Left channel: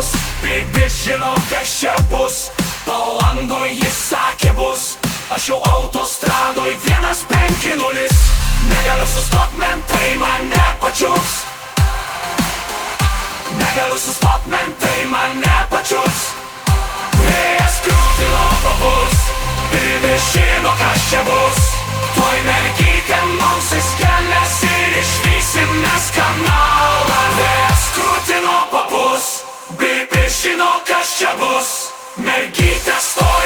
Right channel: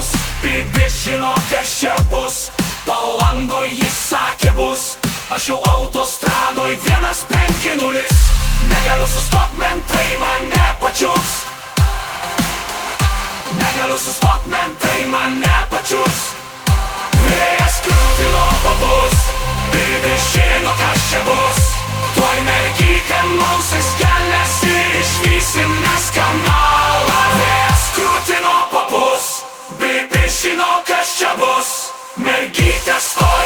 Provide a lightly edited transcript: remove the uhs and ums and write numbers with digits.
bus, Bibi žino, kas čia bus. Palangoj jis sakė bus, aš jau autostradoj 150. Negaliu sustot, mentai mane pačius. Negaliu sustot, mentai mane pačius. Vėjas krūtino pabus, Bibi žino, kas čia bus. Tuoj mergytė mausis kelias ir išvysim mes kanalą. Vėjas krūtino pabus, Bibi žino, kas čia bus. Mergytė stoja